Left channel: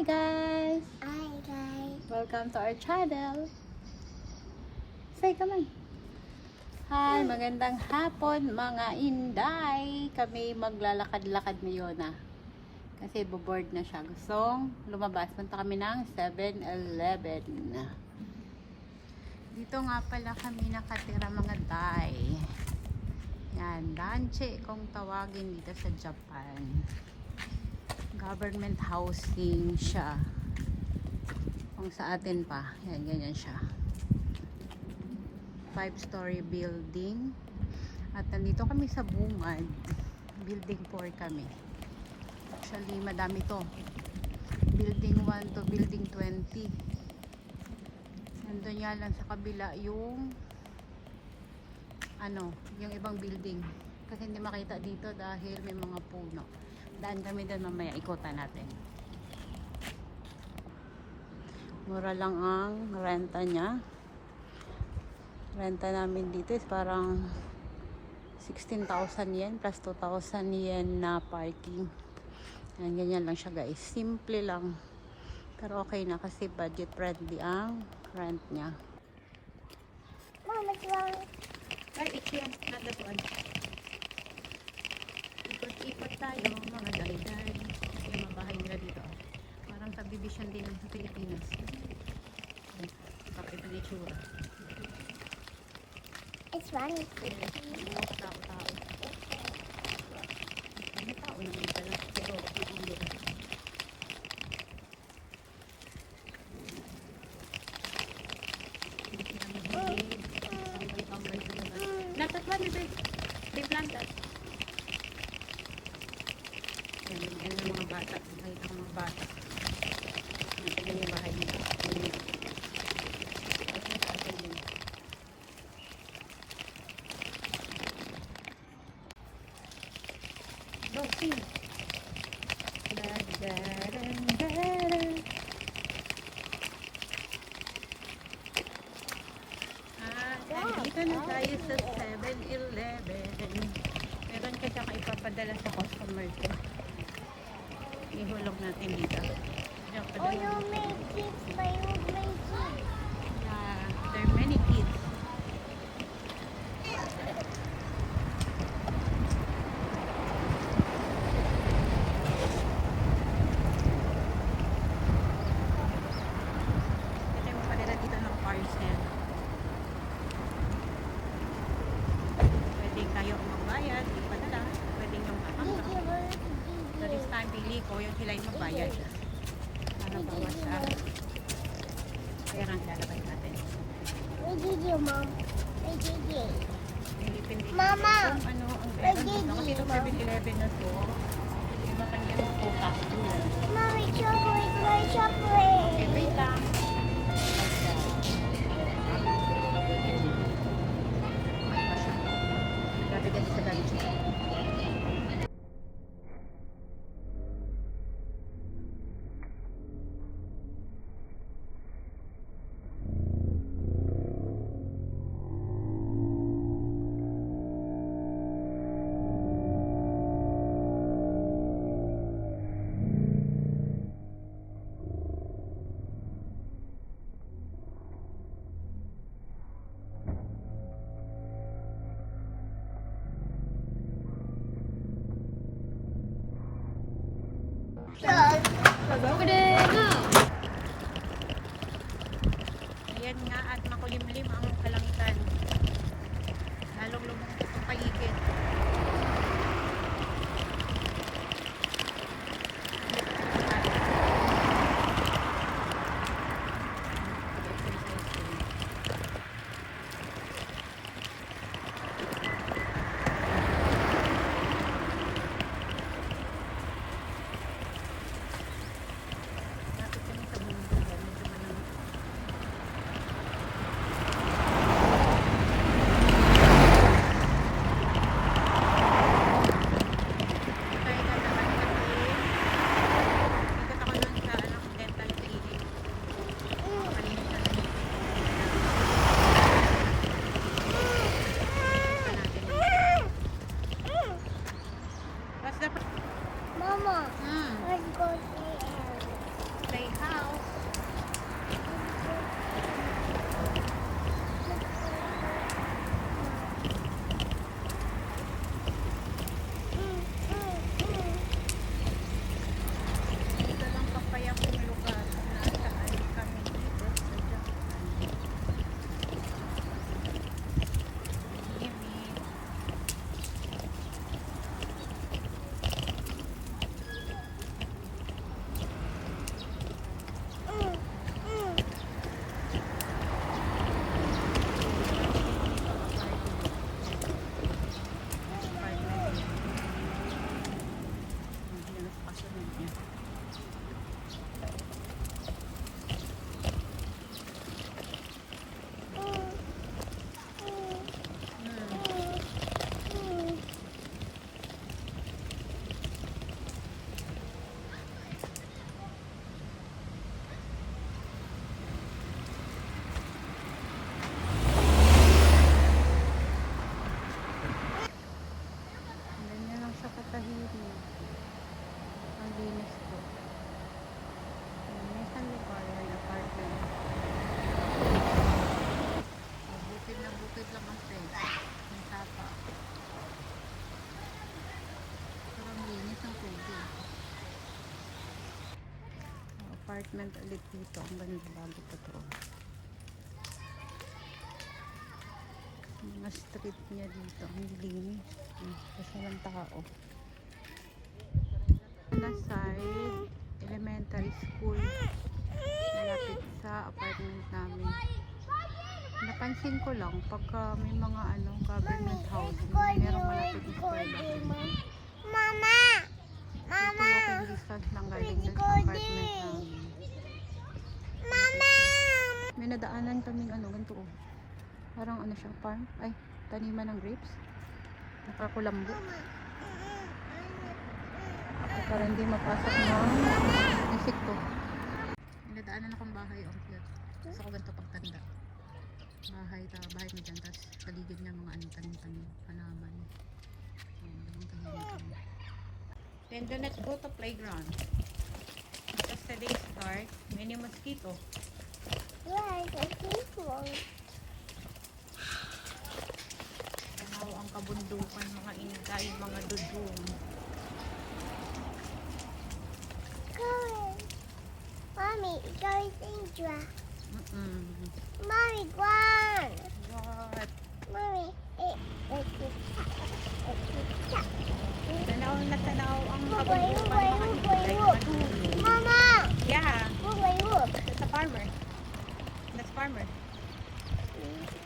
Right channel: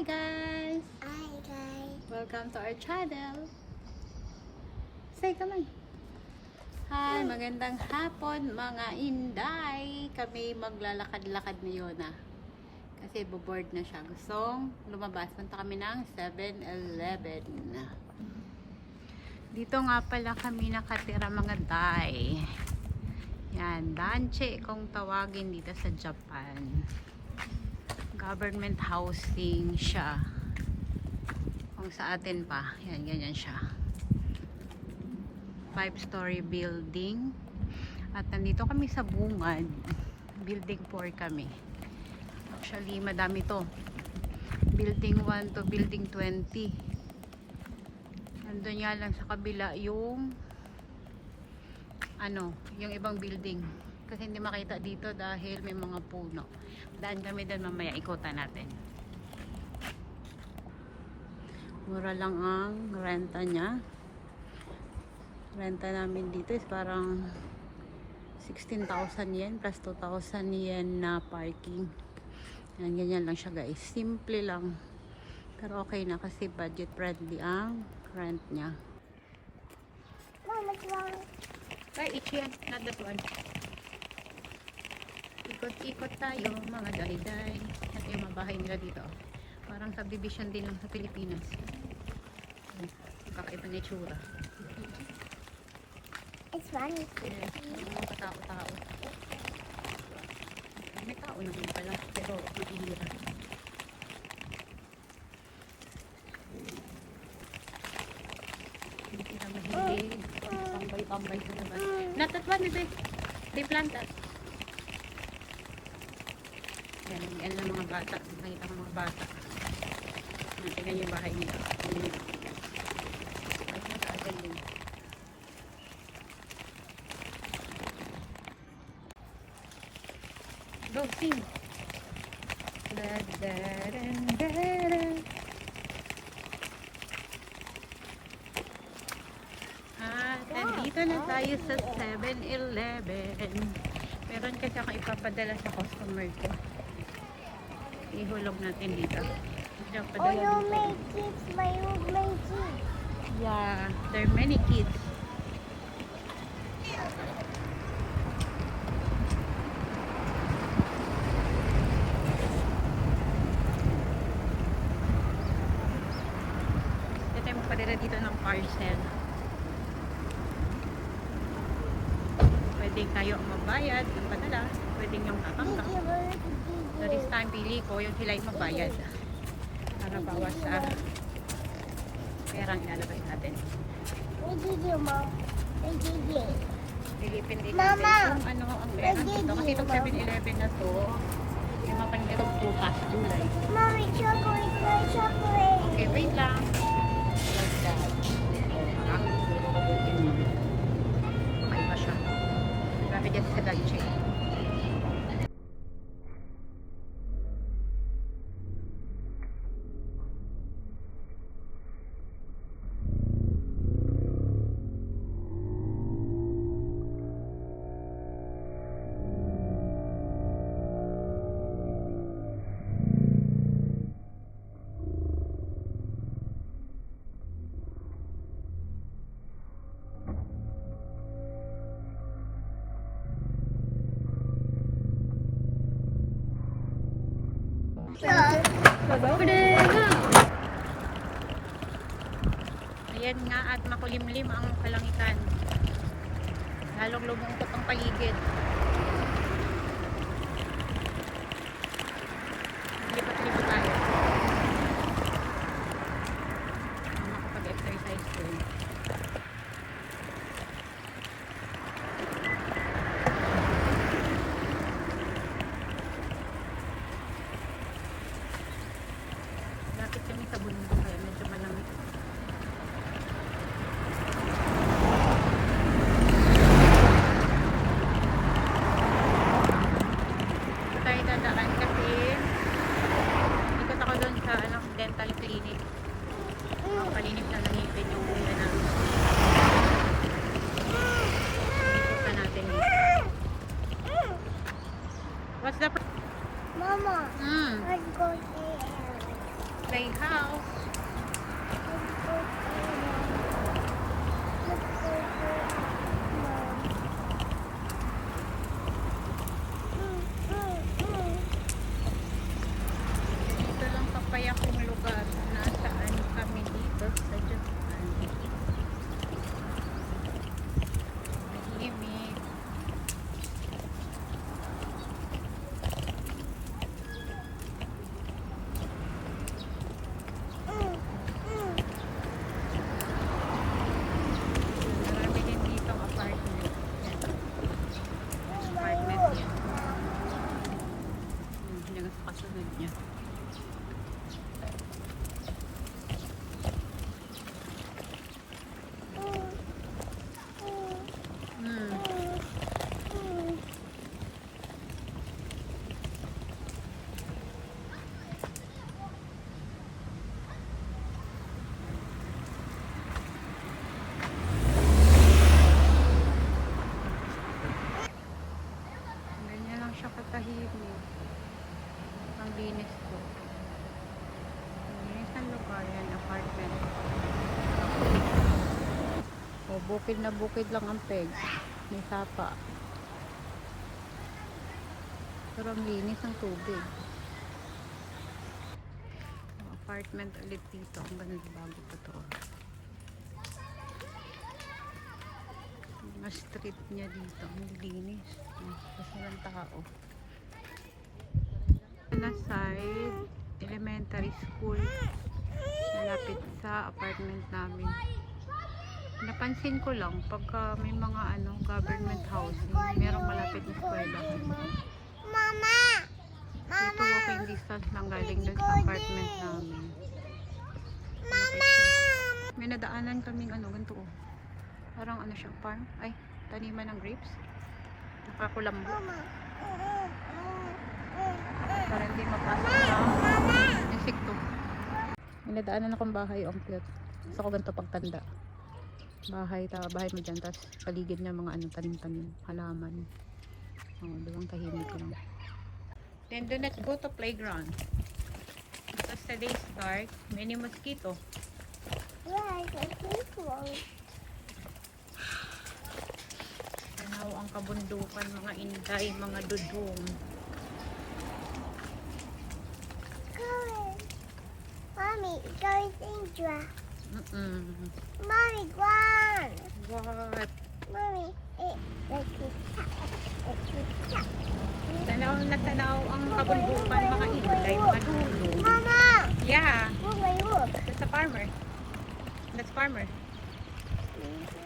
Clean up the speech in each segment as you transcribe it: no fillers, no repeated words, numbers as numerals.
Hi guys! Hi guys. Welcome to our channel. Say come on. Hi, magandang hapon mga inday. Kami maglalakad-lakad ngayon na. Kasi boboard na siya. Gustong lumabas. Punta kami ng 7-Eleven. Dito nga pala kami nakatira mga day. Yan, Danche kung tawagin dito sa Japan. Government housing siya. Kung sa atin pa, yan, ganyan siya. 5-story building. At nandito kami sa bungad. Building 4 kami. Actually, madami to. Building 1 to building 20. Nandun nga lang sa kabila yung yung ibang building. Kasi hindi makita dito dahil may mga puno. Daan kami doon mamaya, ikutan natin. Mura lang ang renta niya. Renta namin dito is parang 16,000 yen plus 2,000 yen na parking. Yan, ganyan lang siya guys. Simple lang. Pero okay na kasi budget friendly ang rent niya. Mama, lang. Ay, ikyan. Not that one. Ikot-ikot tayo mga day-day. At yung mga bahay nila dito. Parang subdivision din sa Pilipinas. Kakaiba na itsura. It's funny. Mga katao-tao. May tao naman pala. Pero hindi na. Hindi sila mahilig. Tambay-tambay sa naman. Not that one, they plant that. Yan lang mga bata. Makita ang mga bata. Tignan yung bahay nila. Go, sing! Nandito na tayo sa 7-Eleven. Meron kasi ako ipapadala sa customer ko. Ihulog natin dito. Oh, you make kids, my kids. Yeah, there are many kids. Ito yung padala dito ng parcel. Pwede kayo ang magbayad, ipadala. Pwede niyong tatanggap. So this time, pili ko yung sila yung magbayad. Para bawas sa perang ilalabas natin. What did you, Mom? What did you? Lilipin din Mama! natin kung ano ang meron dito. Kasi itong 7-Eleven na to, yung mga kanyang tutas doon. Mommy, chocolate, my chocolate. Okay, wait lang. May pa siya. Grabe kasi sa Danche. Ayan nga at makulimlim ang kalangitan. Lalong lumungkot ang paligid. Lipat-lipat tayo. Pag-exercise ko. Lapit kami sa bundok. Medyo malamig. Dito lang kapayakong lugar kung nasaan kami dito sa Japan. Tahimik. Marami din dito apartment. Apartment. Hindi na kasunod niya. Ganyan lang siya katahimik. Ang linis ko. Ang linis ng lugar yan, apartment. O, bukid na bukid lang ang peg. May sapa. Pero ang linis ng tubig. Apartment ulit dito. Ang ganda bago pa to. Mga street niya dito. Ang linis. Kasi walang tao. Na side, elementary school. Malapit sa apartment namin. Napansin ko lang pagka may mga government housing, merong malapit na eskwelahan. Mama! Ito walking distance lang galing dun sa apartment namin. Mama! May nadaanan kaming ganito oh. Parang siyang farm. Ay, taniman ng grapes. Nakakulambo. Mama! Para hindi mapasok na insekto. May nadaanan akong bahay ang cute. Gusto ko ganito pagtanda. Bahay mo dyan. Tapos paligid niya mga tanim-tanim. Halaman. Dalawang tahimik lang. Then do not go to playground. Because today start, many mosquito. Yes, I think so. Tanaw ang kabundukan, mga inday, mga dudong. Mommy, it's always dangerous. Mommy, go on. What? Mommy, Tanaw na tanaw ang kabundukan, mga inday, mga dudong. Mama, Yeah, look my roof. that's a farmer. That's farmer.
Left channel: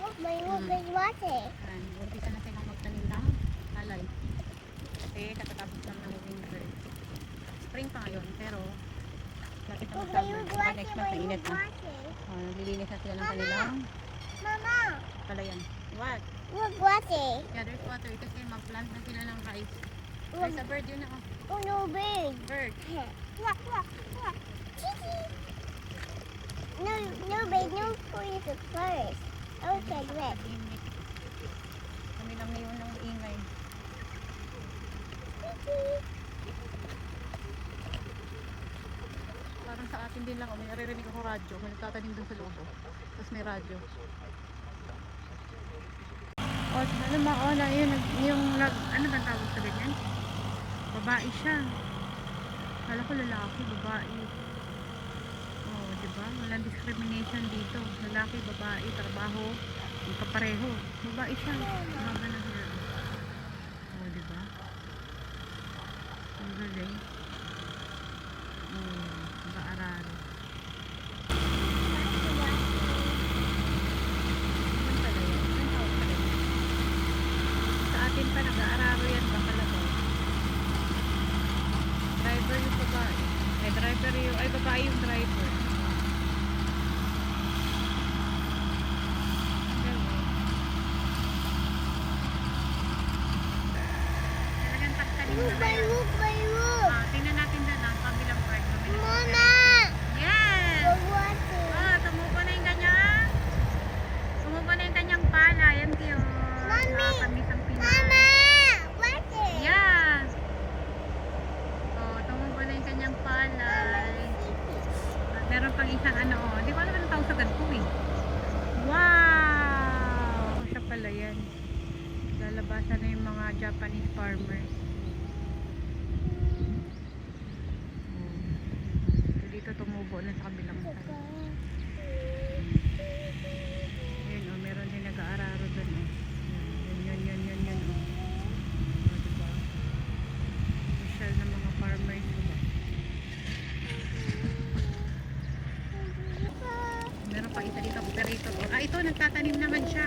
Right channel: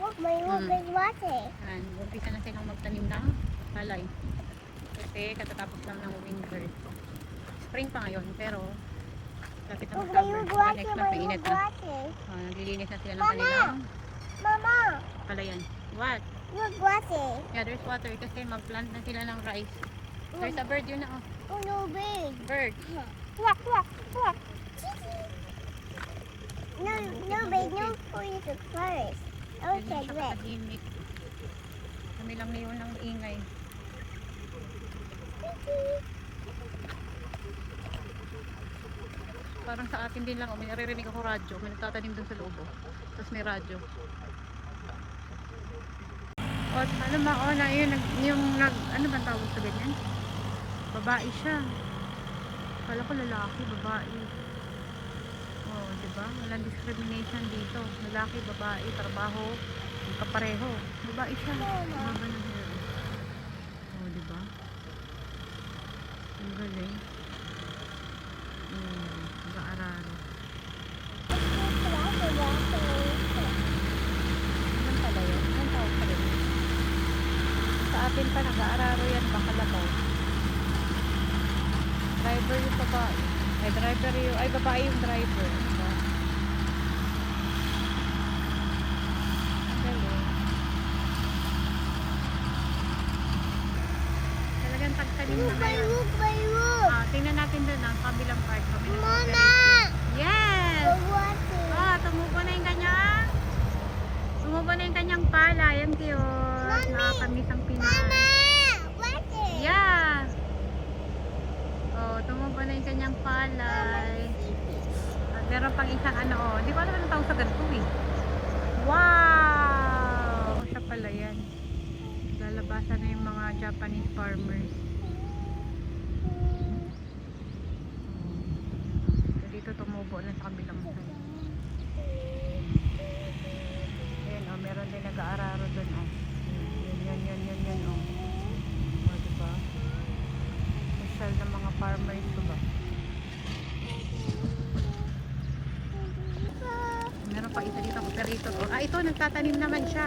Look my roof is water. And umpisa na silang magtanim ng palay. Kasi katatapos lang ng winter. Spring pa ngayon, pero lapit na Look my summer. roof water, Next my month, roof mainit na. water. Naglilinis na sila ng Mama! kanilang Mama, palayan. What? look water. Yeah, there's water kasi mag-plant na sila ng rice. There's a bird yun na oh. Oh, no big. Bird. Quack, quack, quack. No, no, babe, no please look first. Outside red. Tahimik. Kami lang ngayon ng ingay. Parang sa atin din lang, may naririnig ako radyo. May nagtatanim dun sa loob. Tapos may radyo. O, ano mauna yun, ano ba tawag sa ganyan? Babae siya. Kala ko lalaki, babae. O, diba? Walang discrimination dito. Lalaki, babae, trabaho, magkapareho. Babae siya. Ano ba na sila? O, diba? Ang galing. Nag-aaral. Sa atin pa nag-aararo yan ng malakaw. Driver yung babae. Ay babae yung driver. Talagang tagtanim Look na my yan. roof, my roof. Tingnan natin dun kabilang part. Mama, Yes! the water. Tumubo na yung kanyang pala. Yan cute. Mommy! Nakakamiss ang Pinoy. Mama, water. Yeah! Tumubo na yung kanyang palay. Meron pang isang Di ko alam kung sa ganito eh. Wow! Siya pala yan. Lalabasan na yung mga Japanese farmers. So, dito tumubo na sa kabilang side. Ayan o, meron din nag-aararo dun o. Yan o. Diba? Social ng mga farmers o ba? Meron pa isa dito, rito. Ito nagtatanim naman siya.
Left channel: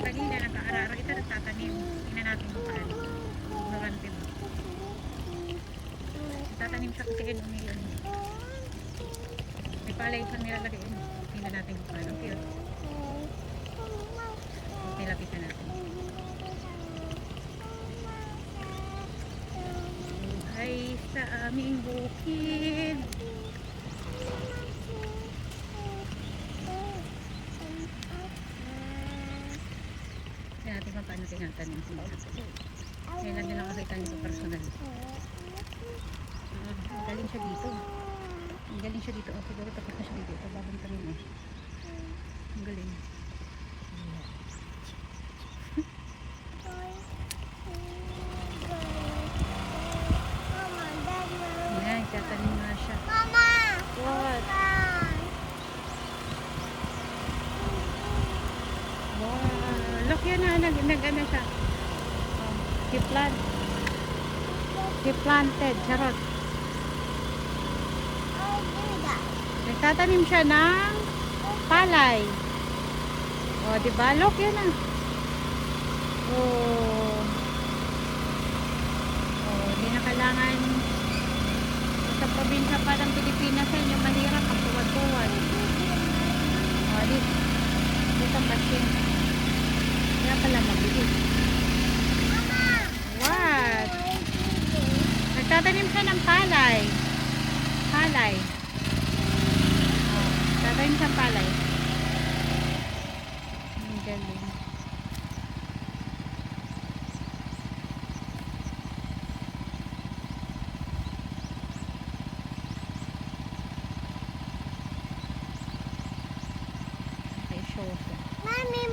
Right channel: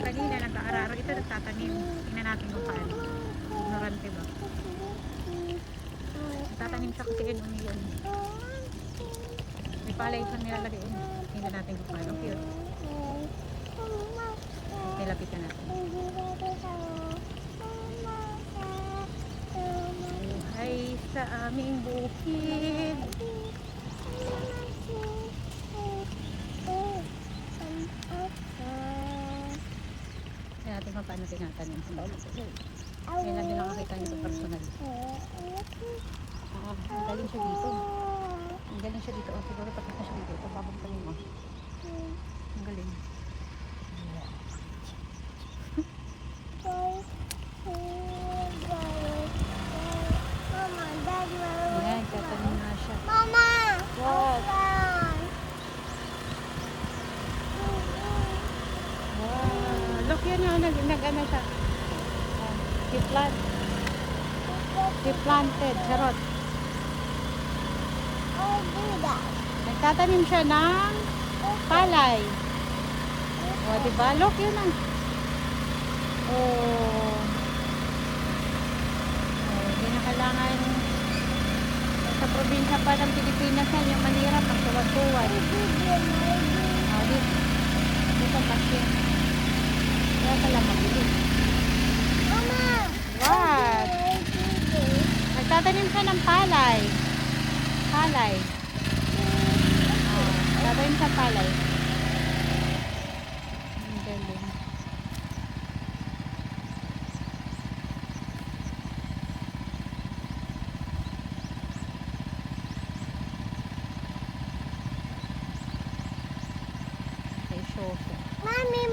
Kanina nag-aararo, ito nagtatanim. Tingnan natin kung saan. Ignorante ba? Nagtatanim siya kasi ano yun. May palay siya nilalagay. Tingnan natin kung saan. Okay. Nilapitan natin. Ay, sa aming bukid. Tingnan natin kung paano tinatanim. Kaya natin nakakita nito personal. Ang galing siya dito. Ang galing siya dito. Ang siguro tapos na siya dito. Ito mabitanin mo. Ang galing. Ayan, tatanim na siya. Mama! What? Look yan na, nag-ano siya. He planted, charot. Oh, do that. Nagtatanim siya ng palay. O, diba? Look yun na. Oh. Hindi na kailangan sa probinsya pa ng Pilipinas yan, yung manira pag tuwa-tuwa. Mama! What? Nagtatanim siya ng palay. Palay. Nagtatanim siya palay. Ang galing. Okay, show ko. Mommy,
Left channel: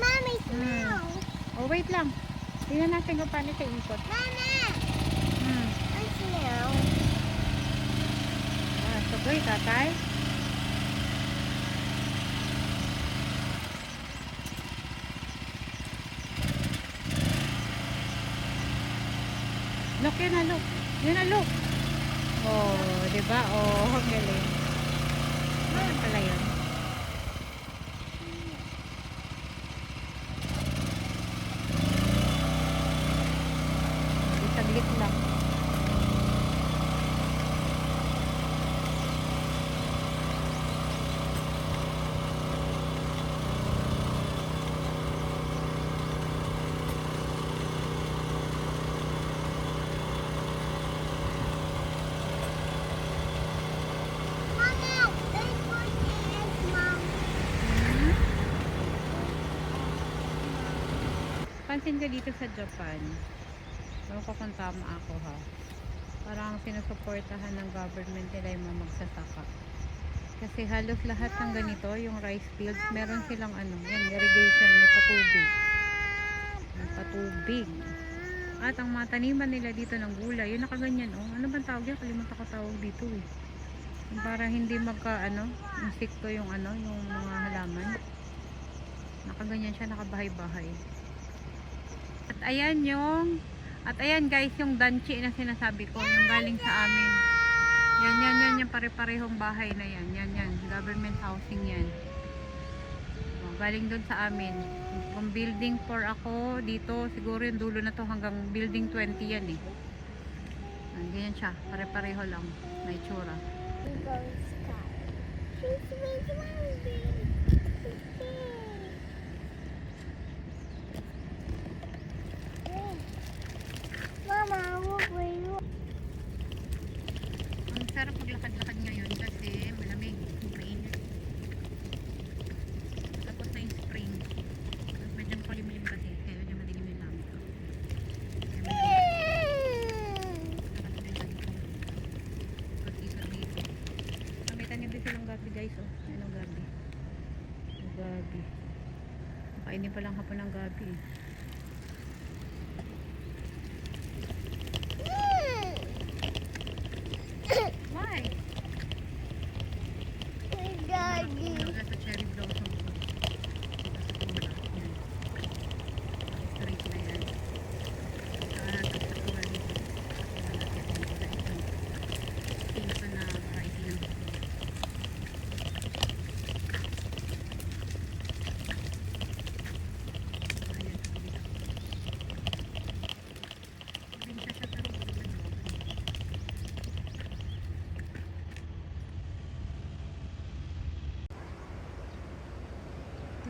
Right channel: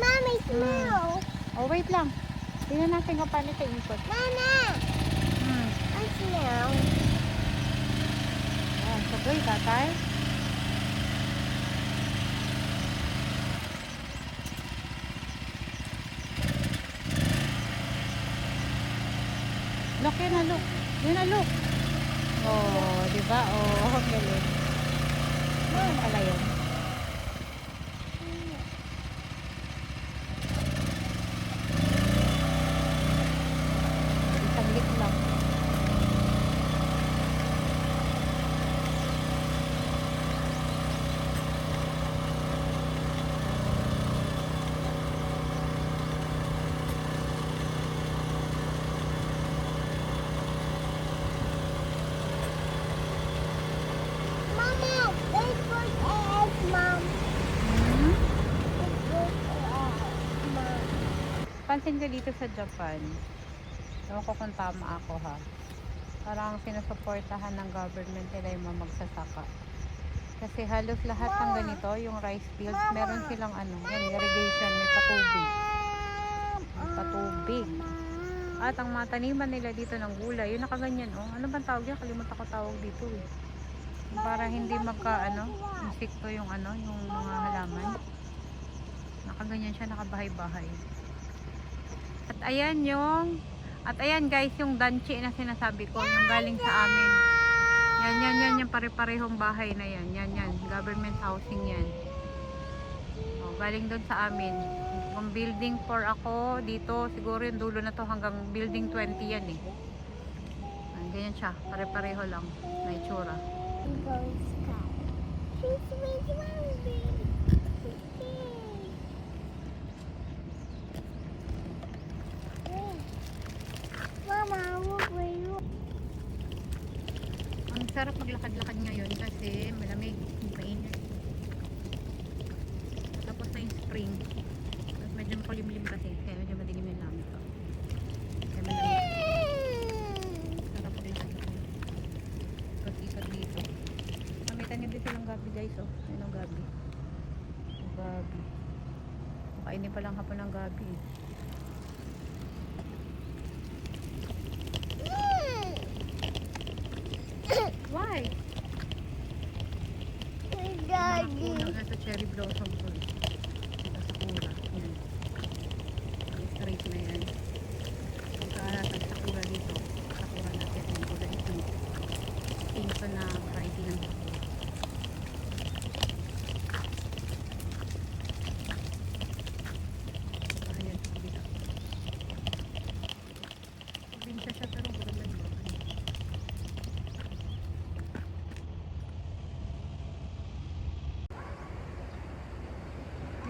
smell. Oh, wait lang. Tingnan natin kung paano siya ikot. Mama! Hmm. I smell. Sabay, tatay. Look, yun na, look. Yun na, look. Oh, diba? Oh, galing. Ano pala yun? Isabit mo. Mama, this was egg, Mom. Hmm? This was egg, Mom. Pansin ko dito sa Japan, ewan ko kung tama ako ha, parang sinusuportahan ng government nila yung mga magsasaka. Kasi halos lahat ng ganito, yung rice fields, meron silang ano, yan, irrigation, may patubig. May patubig. At ang mga taniman nila dito ng gulay, yung nakaganyan, oh, ano bang tawag yan? Kalimutan ko tawag dito eh. Yung parang hindi magka, ano, insekto yung ano, yung mga halaman. Nakaganyan siya, nakabahay-bahay. At ayan guys, yung danchi na sinasabi ko, yung galing sa amin. Yan, yung pare-parehong bahay na yan. Yan, government housing yan. O, galing doon sa amin. Kung building 4 ako, dito, siguro yung dulo na to hanggang building 20 yan eh. Ganyan siya, pare-pareho lang na itsura. Goes sky. She's with Mommy. Mama, what were you? Ang sarap maglakad-lakad ngayon kasi malamig, mainit. Tapos na yung spring. Medyo makulimlim kasi, kaya medyo madilim yung langit. Kaya malamig. Sarap din sa dito. Tapos isa dito. May tanim din silang gabi guys, oh. Why? Daddy. Sa cherry blossom po. Yan. Straight na yan. Ito natin sa tura dito. Tura natin yung tura ito. Pinto na variety ng buko. Ayan. Pinta siya pero maganda dito.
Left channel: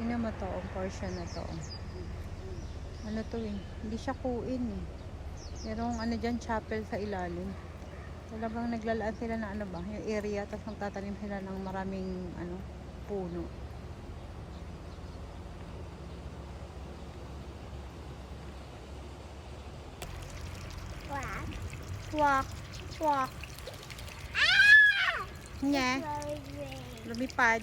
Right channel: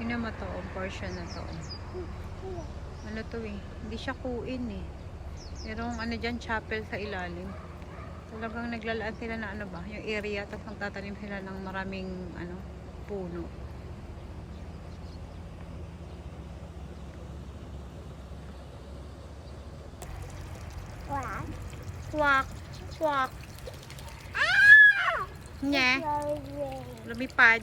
Tingnan mo to, ang portion na to. Ano to eh, hindi siya kuin eh. Merong ano dyan, chapel sa ilalim. Talagang naglalaan sila na ano ba, yung area, tapos magtatanim sila ng maraming ano, puno. Quack. Swak, swak. Ah! Nye, lumipad.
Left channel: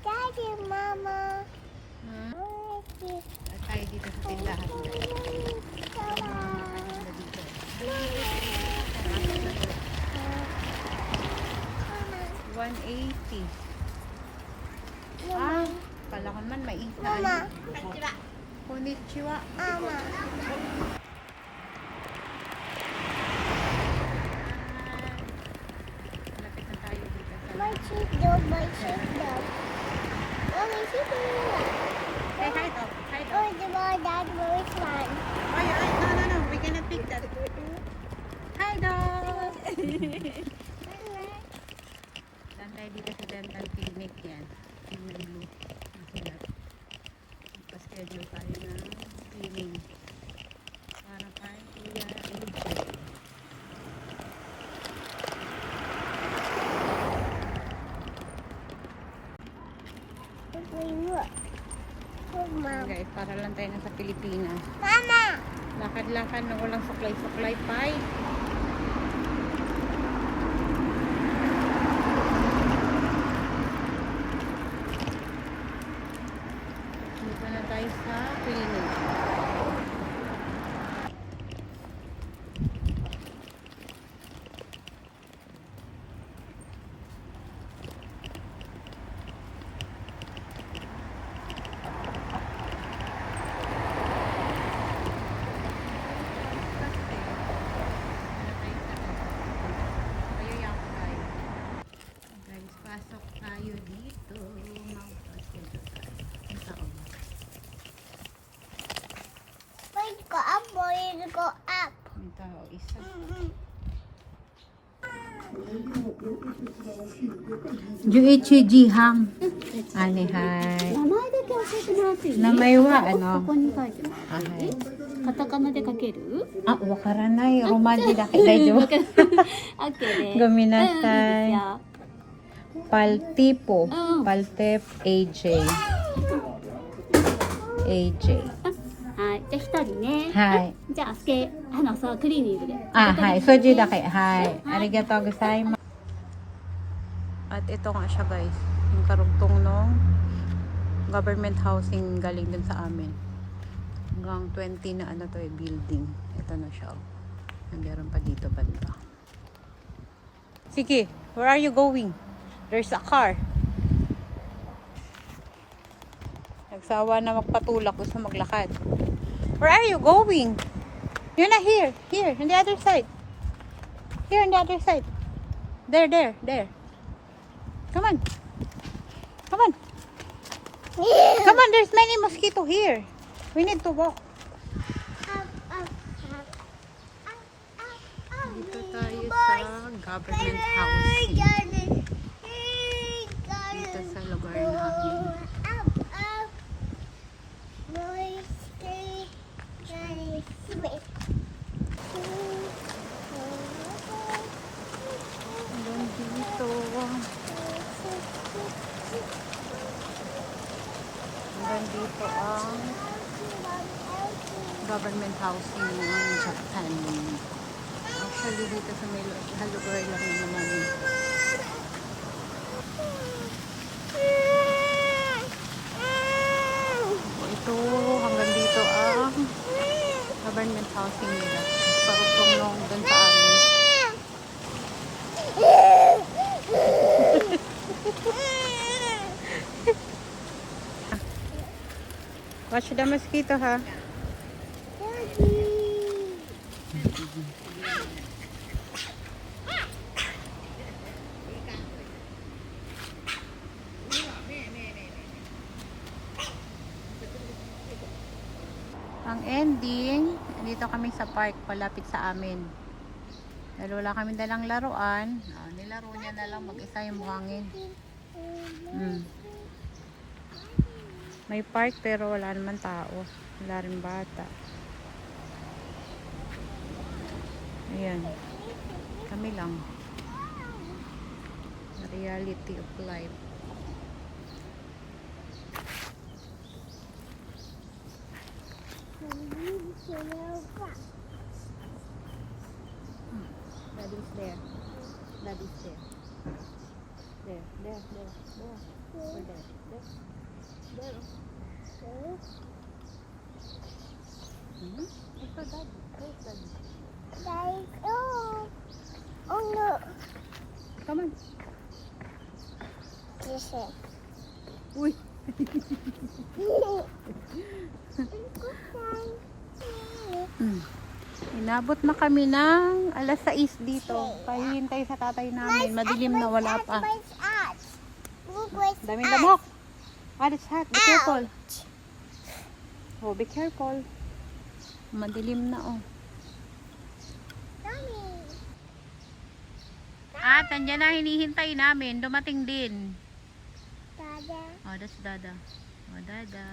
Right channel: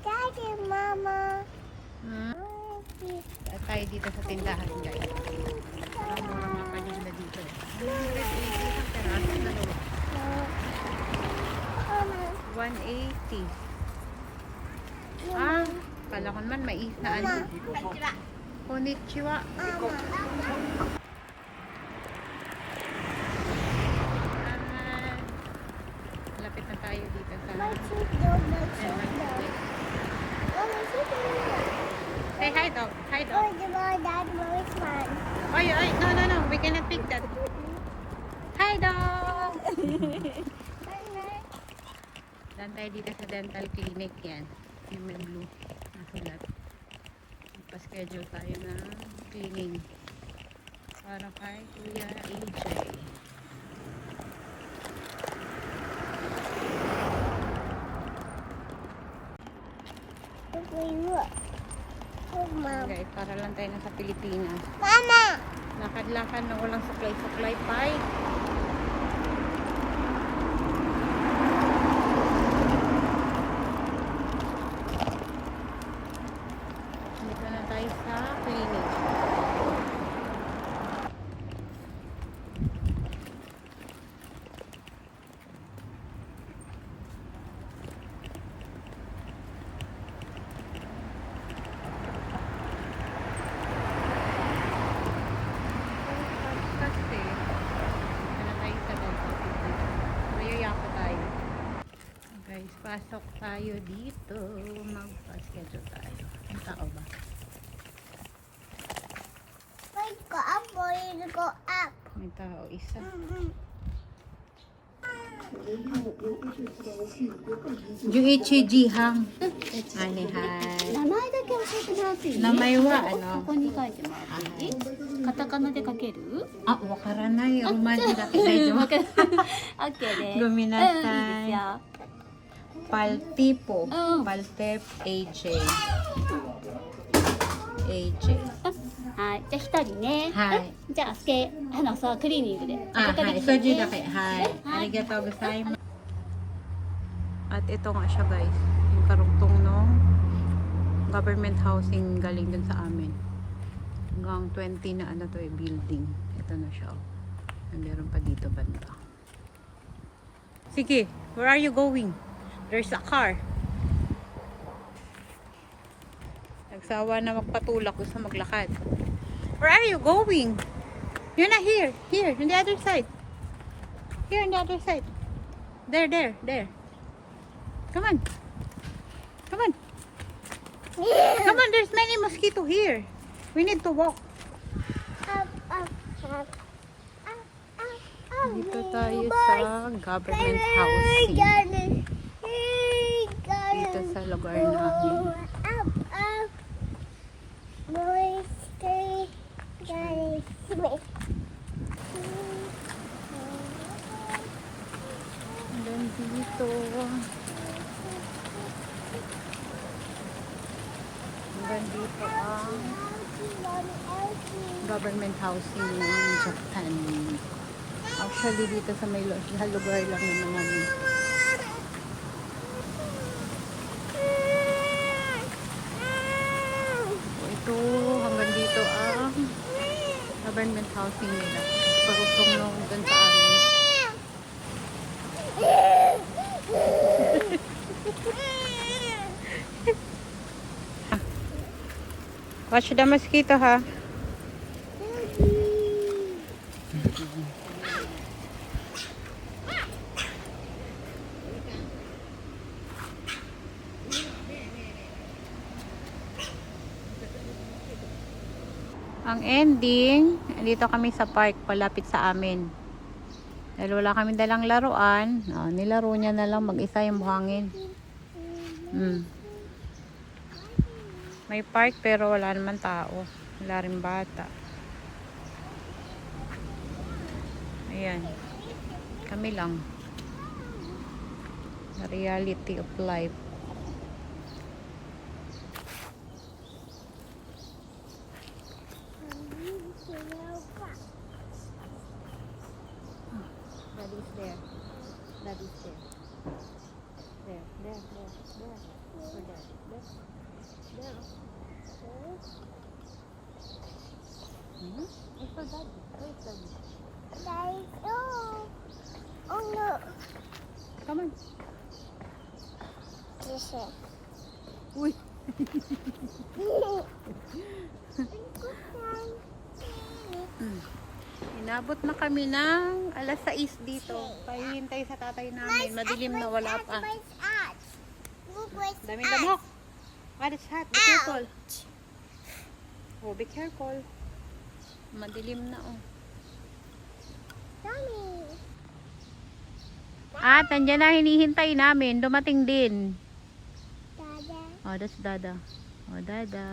Daddy, Mama. Hmm? At tayo dito sa tindahan guys. Ang mga makahinda dito. 180. Ah, palakon man mais na ano. Konnichiwa. Mama. Lapit na tayo dito sa... My sheep dog, my sheep dog. Mommy, sheep dog. Say hi dog. Hi dog. Oh, the boy, Dad, which one? Ay, ay, no. We cannot pick that. Hi dog. Dan tayo dito sa dental clinic yan. Yung may blue. Nasulat. Pa-schedule tayo ng cleaning. Para kay Kuya AJ. Look. Look, Mom. Guys, para lang tayo nasa Pilipinas. Mama! Lakad-lakad na walang supply-supply pa. Dito na tayo sa clinic. Guys, pasok tayo dito. Magpa-schedule tayo. Ang tao ba? Boy, go up, boy, go up. May tao isa. Juichi Jihang. Hai hai. 名前だけ教えてもらっていい？名前はここに書いてもらっていい？カタカナで書ける？あ、わからない。おまじだけ大丈夫。わかる。オッケーです。ごめんなさいいいですよ。 Paltipo. うん。 Paltep AJ. AJ. はい。じゃあ一人ね。はいうん。じゃあそうクリーニングで。 Ah, ここで hi. 来てね Soju da kay. Hi. Hi. Arigatou gozaimasu. At ito nga siya guys. Yung karugtong nung government housing galing dun sa amin. Hanggang 20 na ano to eh, building. Ito na siya. Oh. Meron pa dito banda. Sige, where are you going? There's a car. Nagsawa na magpatulak gusto maglakad. Where are you going? You're not here. Here, on the other side. Here on the other side. There. Come on. Come on. Come on, there's many mosquito here. We need to walk. Dito tayo sa government housing. Dito sa lugar namin. Hanggang dito. Hanggang dito ang government housing ng Japan. Actually dito sa may lugar lang naman namin Ito ang government housing nila. Parugtong nung dun sa amin. Watch the mosquito, ha? Ang ending, dito kami sa park, palapit sa amin. Dahil wala kami dalang laruan, nilaro niya na lang mag-isa yung buhangin. May park pero wala naman tao. Wala rin bata. Ayan. Kami lang. The reality of life. Daddy's there. Daddy's there. There. Or there. There. I saw Daddy. Where's Daddy? Guys, oh no. Come on. Listen. Uy. Inabot na kami ng alas 6 dito. Kaya hintay sa tatay namin. Madilim na, wala pa. Look where's Daming lamok. It's hot. Be careful. Oh, be careful. Madilim na, oh. Mommy. At nandiyan na hinihintay namin. Dumating din. Dada. Oh, that's Dada. Oh, Dada.